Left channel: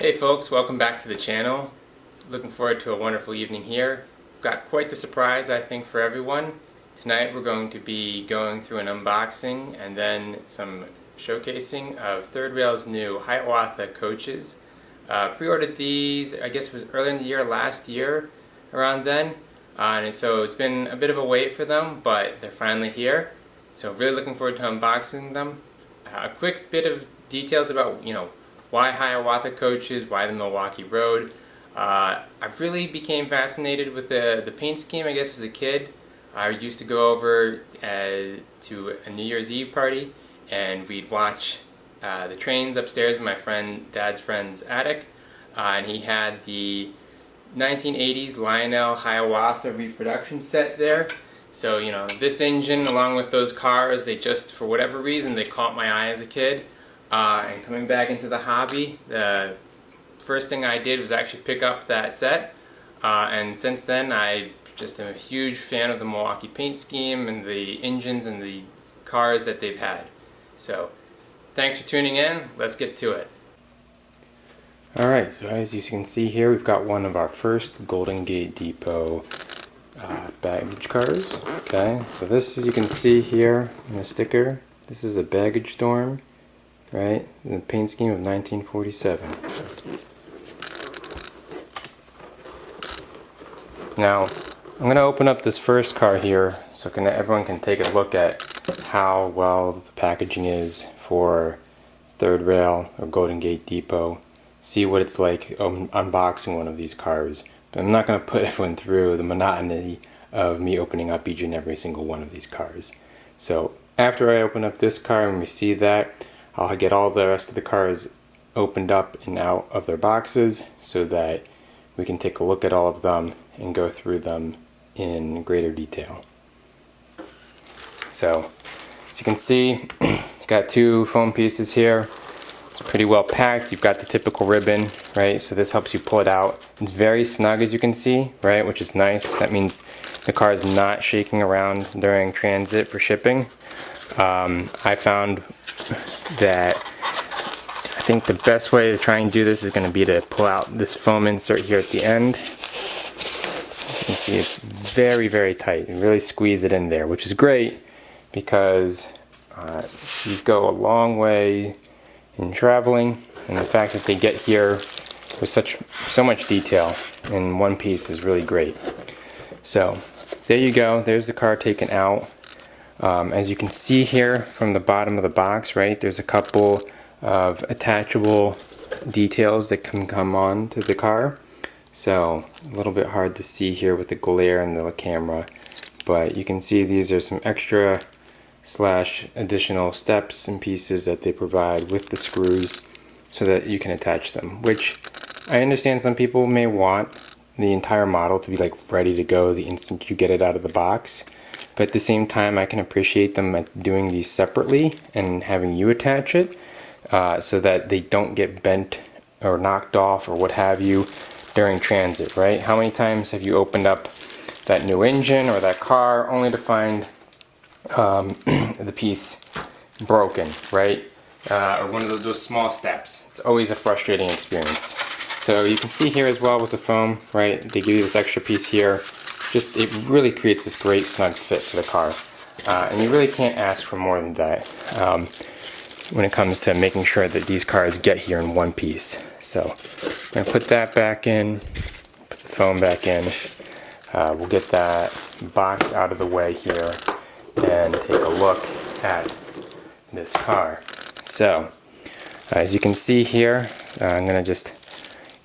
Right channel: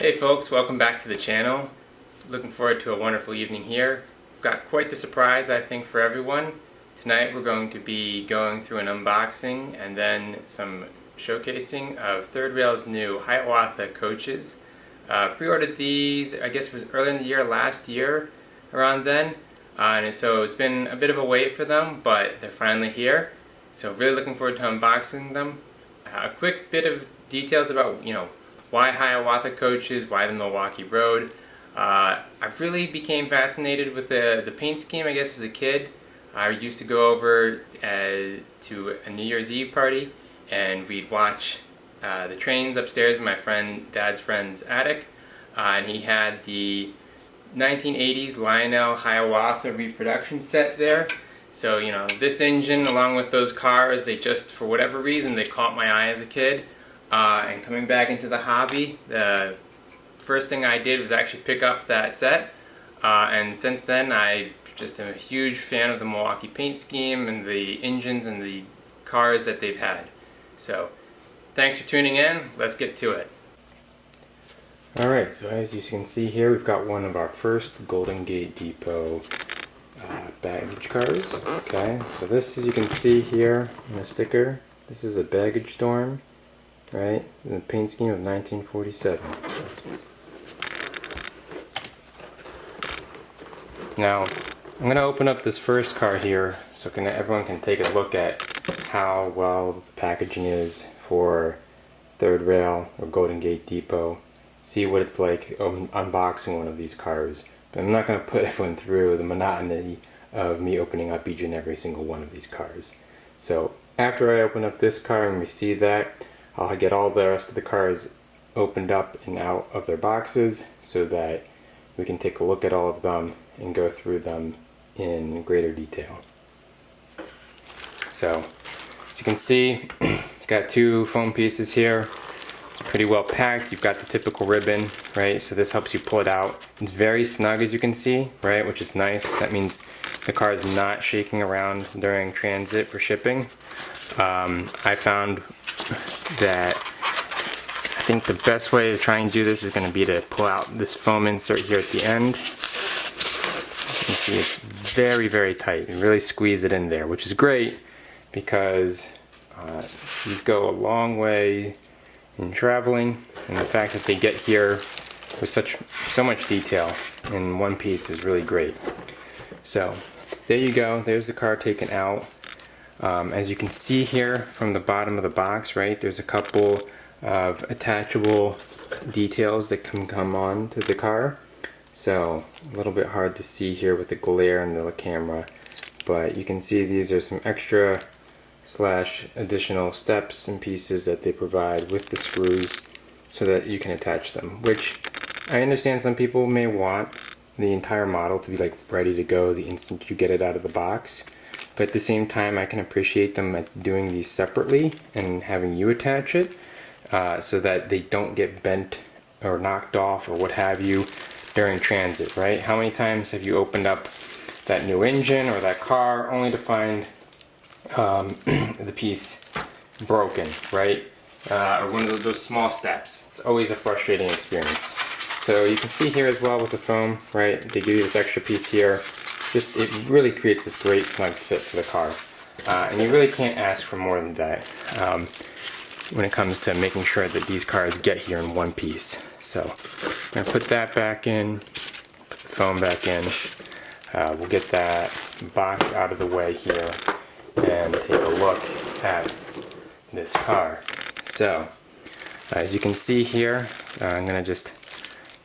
Hey folks, welcome back to the channel. Looking forward to a wonderful evening here. We've got quite the surprise, I think, for everyone. Tonight we're going to be going through an unboxing and then some showcasing of Third Rail's new Hiawatha coaches. Pre-ordered these, I guess it was early in the year, last year, around then. And so it's been a bit of a wait for them, but they're finally here. So really looking forward to unboxing them. A quick bit of details about, why Hiawatha coaches, why the Milwaukee Road. I really became fascinated with the paint scheme, I guess, as a kid. I used to go over to a New Year's Eve party, and we'd watch the trains upstairs in my dad's friend's attic, and he had the 1980s Lionel Hiawatha reproduction set there. So, this engine, along with those cars, they just, for whatever reason, they caught my eye as a kid. And coming back into the hobby, the first thing I did was actually pick up that set. And since then, I just am a huge fan of the Milwaukee paint scheme and the engines and the cars that they've had. So, thanks for tuning in. Let's get to it. Alright, so as you can see here, we've got one of our first Golden Gate Depot baggage cars. Okay, so this, as you can see here in the sticker, this is a baggage dorm. Right, the paint scheme of 1947. Now, I'm going to open up this first car here so everyone can take a look at how well the packaging is for Third Rail or Golden Gate Depot. See what it's like unboxing one of these cars. But I'm not going to put everyone through the monotony of me opening up each and every single one of these cars. So, after I open up this car and we see that, I'll get all the rest of the cars opened up and out of their boxes so that we can take a look at all of them and go through them in greater detail. So, as you can see, you've got two foam pieces here. It's pretty well packed. You've got the typical ribbon, right? So this helps you pull it out. It's very snug, as you can see, right? Which is nice. That means the car is not shaking around during transit for shipping. I found that I think the best way to try and do this is going to be to pull out this foam insert here at the end. As you can see, it's very, very tight. You really squeeze it in there, which is great because these go a long way in traveling, and the fact that they get here with so much detail in one piece is really great. So there you go. There's the car taken out. As you can see here from the bottom of the box, right, there's a couple of attachable details that can come on to the car. So a little bit hard to see here with the glare in the camera, but you can see these are some extra / additional steps and pieces that they provide with the screws so that you can attach them, which I understand some people may want the entire model to be like ready to go the instant you get it out of the box. But at the same time, I can appreciate them doing these separately and having you attach it so that they don't get bent or knocked off or what have you during transit, right? How many times have you opened up that new engine or that car only to find the piece broken, right? Or one of those small steps. It's always a frustrating experience. So you can see here as well with the foam, right? They give you this extra piece here. It really creates this great snug fit for the car. And you really can't ask for more than that when it comes to making sure that these cars get here in one piece. So I'm going to put that back in, put the foam back in. We'll get that box out of the way here and take a look at this car. So as you can see here, I'm going to just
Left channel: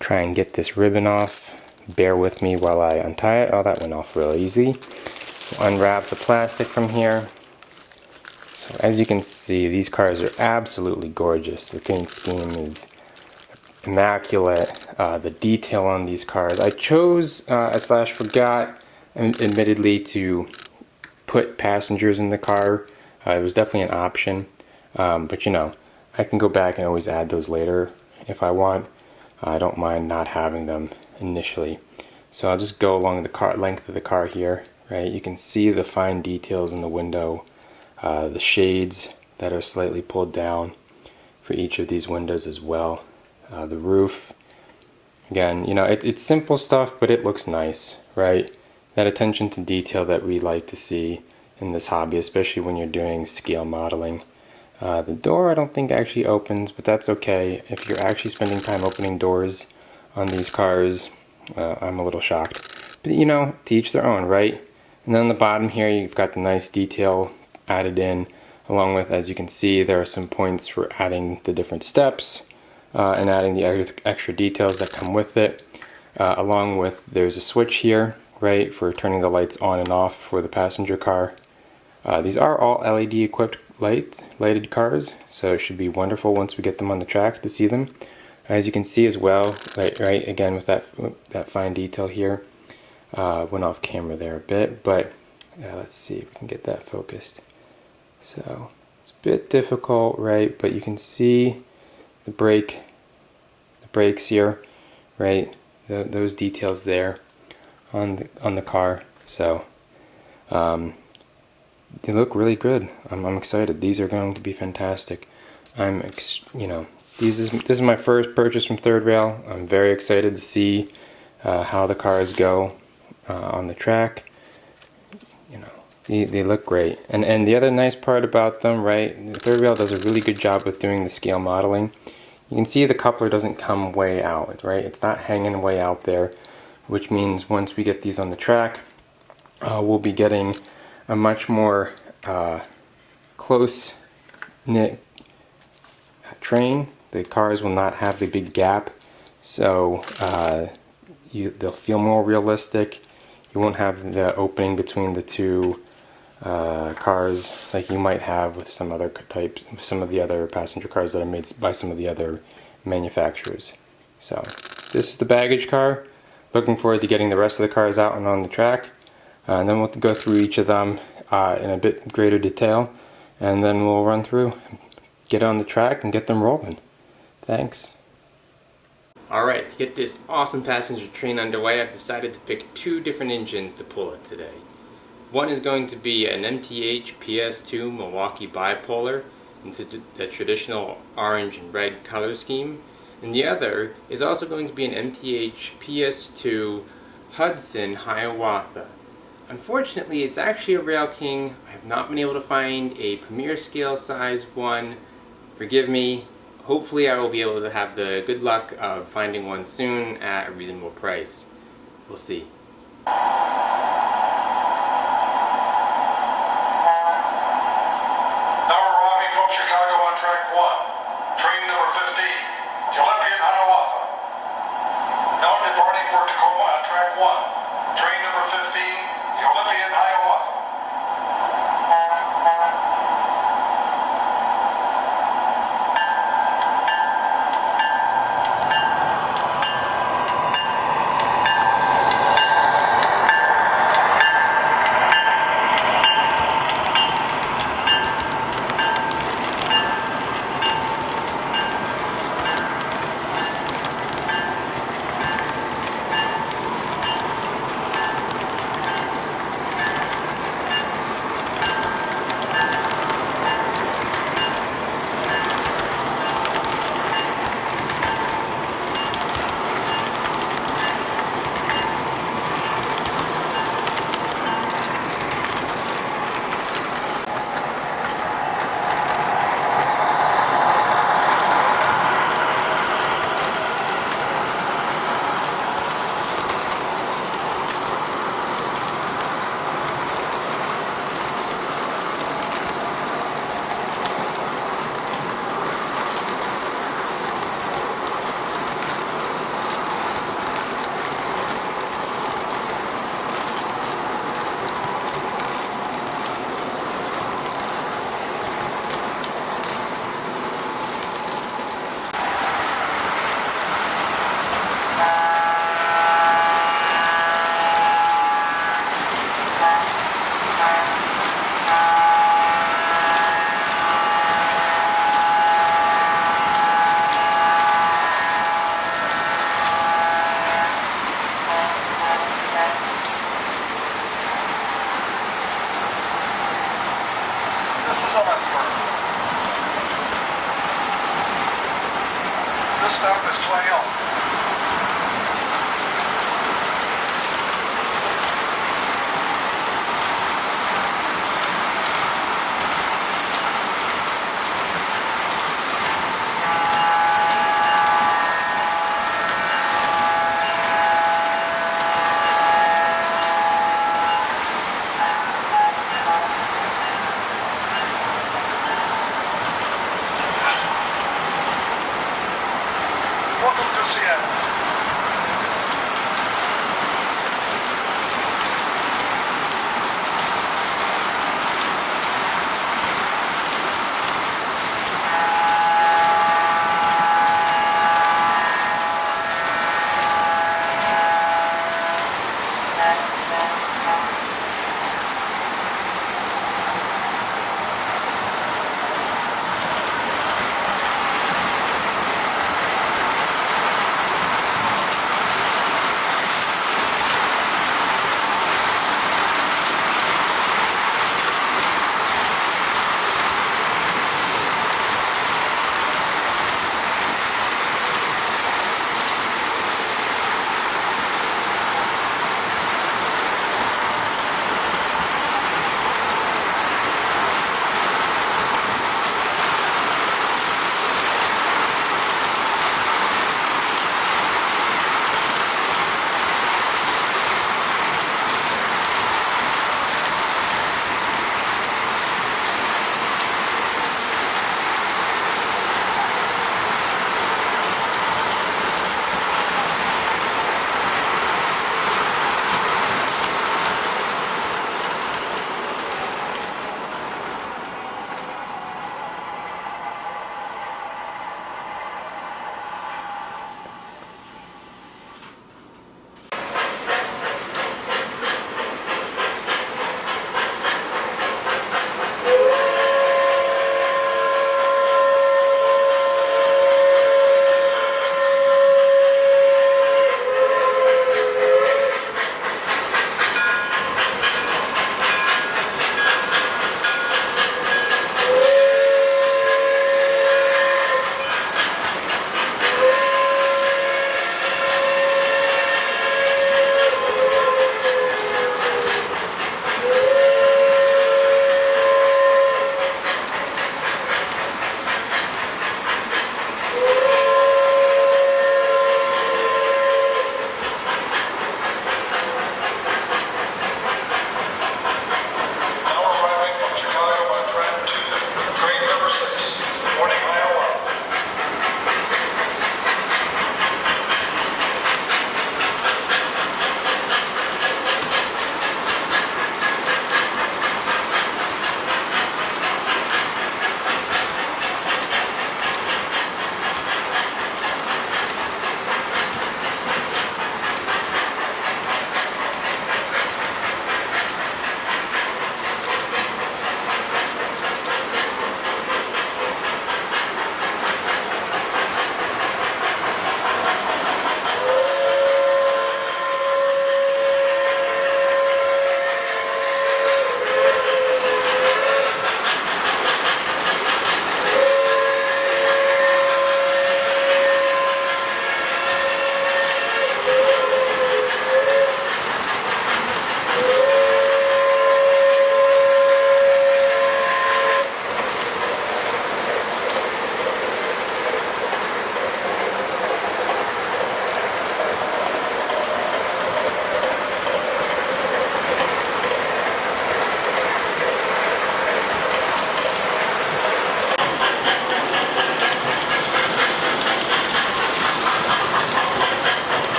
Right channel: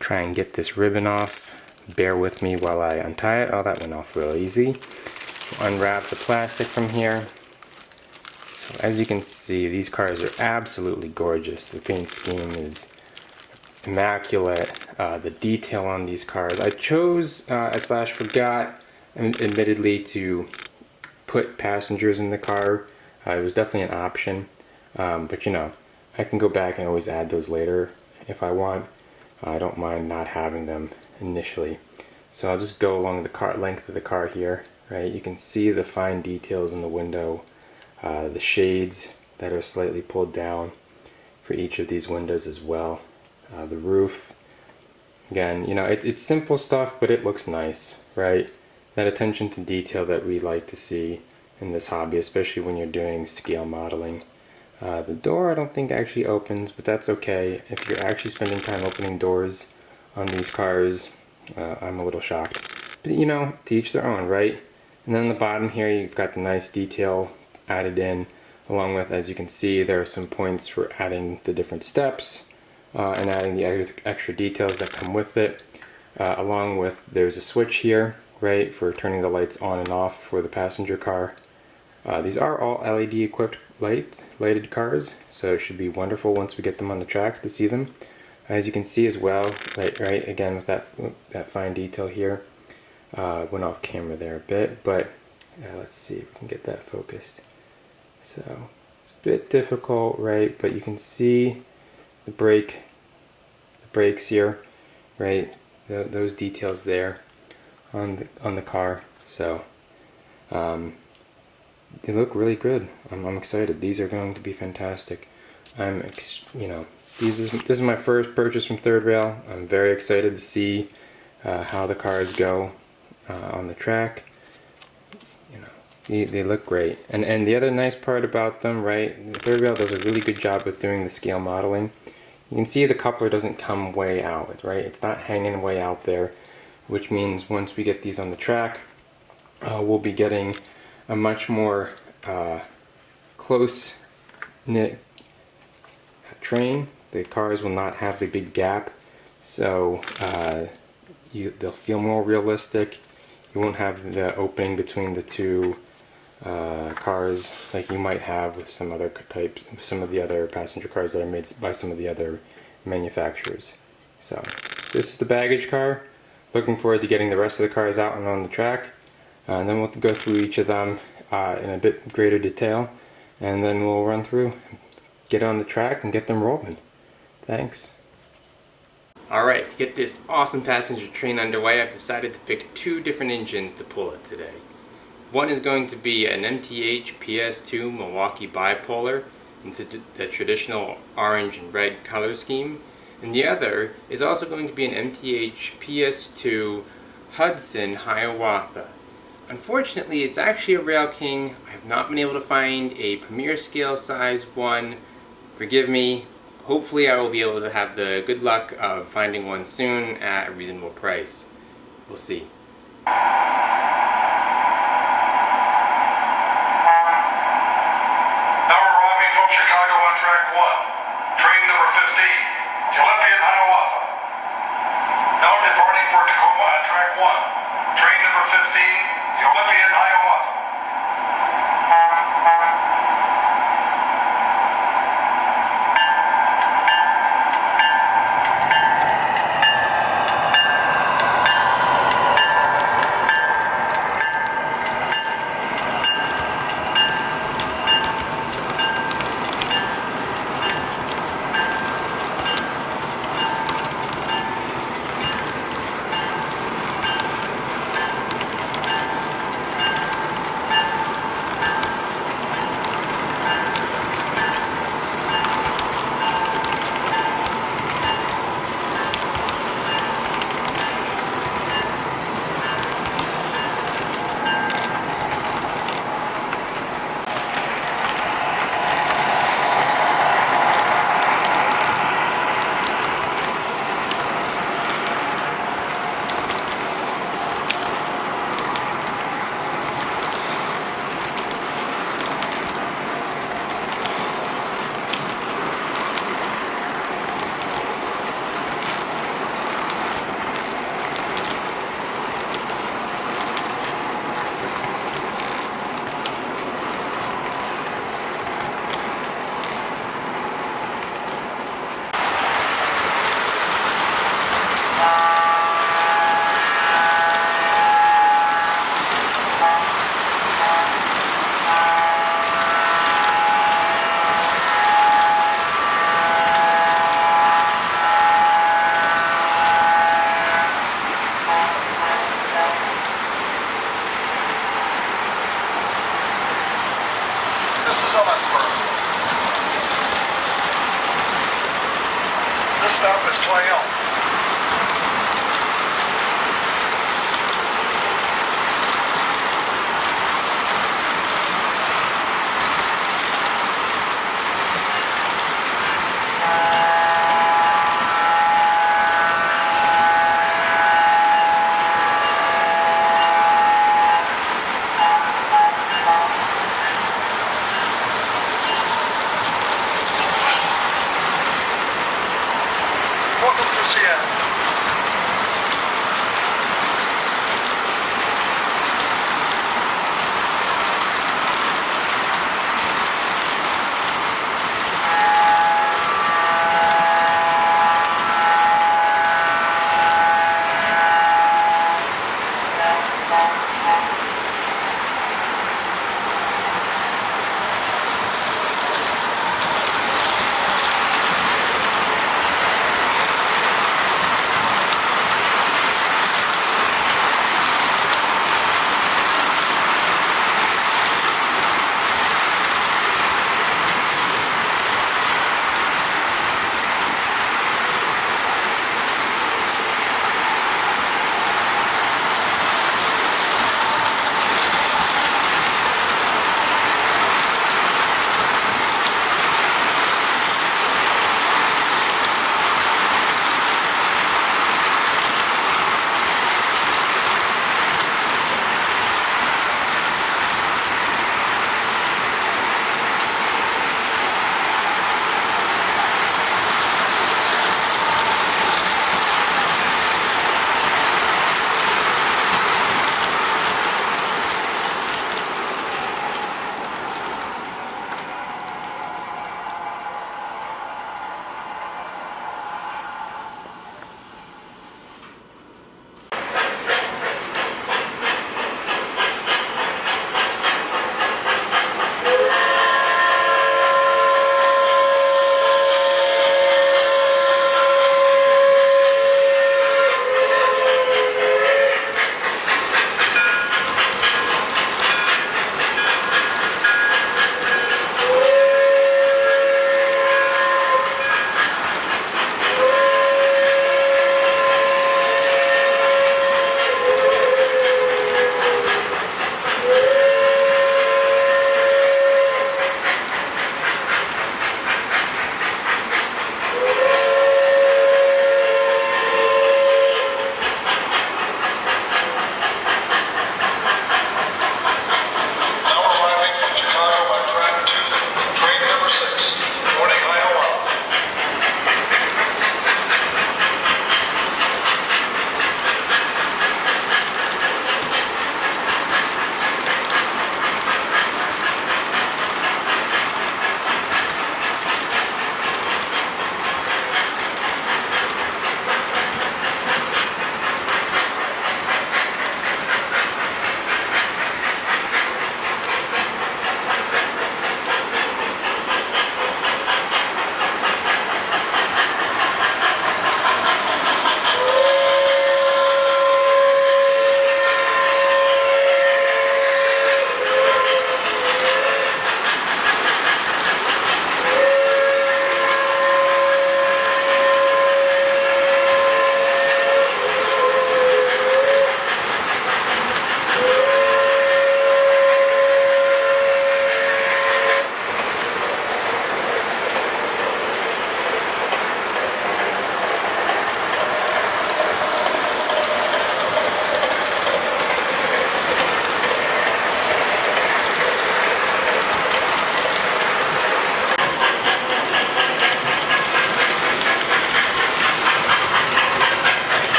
try and get this ribbon off. Bear with me while I untie it. Oh, that went off real easy. Unwrap the plastic from here. So as you can see, these cars are absolutely gorgeous. The paint scheme is immaculate. The detail on these cars. I chose / forgot, admittedly, to put passengers in the car. It was definitely an option. But I can go back and always add those later if I want. I don't mind not having them initially. So I'll just go along the length of the car here, right? You can see the fine details in the window, the shades that are slightly pulled down for each of these windows as well. The roof Again, you know, it's simple stuff, but it looks nice, right? That attention to detail that we like to see in this hobby, especially when you're doing scale modeling. The door I don't think actually opens, but that's okay. If you're actually spending time opening doors on these cars, I'm a little shocked. But you know, to each their own, right? And then on the bottom here, you've got the nice detail added in, along with, as you can see, there are some points for adding the different steps and adding the extra details that come with it. Along with, there's a switch here, right, for turning the lights on and off for the passenger car. These are all LED equipped lighted cars, so it should be wonderful once we get them on the track to see them. As you can see as well, right again with that fine detail here. Went off camera there a bit, but let's see if we can get that focused. So it's a bit difficult, right? But you can see the brakes here, right? Those details there on the car. So they look really good. I'm excited. These are going to be fantastic. You know, this is my first purchase from Third Rail. I'm very excited to see how the cars go on the track. You know, they look great. And the other nice part about them, right? Third Rail does a really good job with doing the scale modeling. You can see the coupler doesn't come way out, right? It's not hanging way out there, which means once we get these on the track, we'll be getting a much more close-knit train. The cars will not have the big gap, so they'll feel more realistic. You won't have the opening between the two cars like you might have with some other types, some of the other passenger cars that are made by some of the other manufacturers. So this is the baggage car. Looking forward to getting the rest of the cars out and on the track. And then we'll go through each of them in a bit greater detail, and then we'll run through, get on the track, and get them rolling. Thanks. Alright, to get this awesome passenger train underway, I've decided to pick two different engines to pull it today. One is going to be an MTH PS2 Milwaukee bipolar into the traditional orange and red color scheme, and the other is also going to be an MTH PS2 Hudson Hiawatha. Unfortunately, it's actually a Rail King. I have not been able to find a premier scale size one. Forgive me. Hopefully I will be able to have the good luck of finding one soon at a reasonable price. We'll see. ya.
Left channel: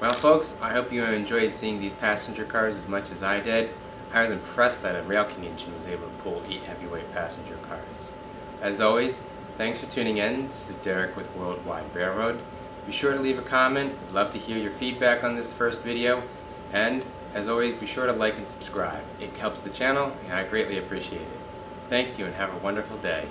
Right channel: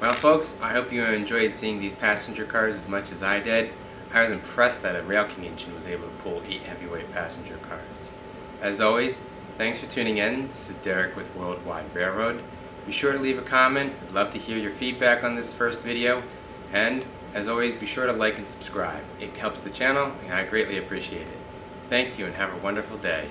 Well folks, I hope you enjoyed seeing these passenger cars as much as I did. I was impressed that a Rail King engine was able to pull 8 heavyweight passenger cars. As always, thanks for tuning in. This is Derek with Worldwide Railroad. Be sure to leave a comment. I'd love to hear your feedback on this first video. And As always, be sure to like and subscribe. It helps the channel, and I greatly appreciate it. Thank you, and have a wonderful day.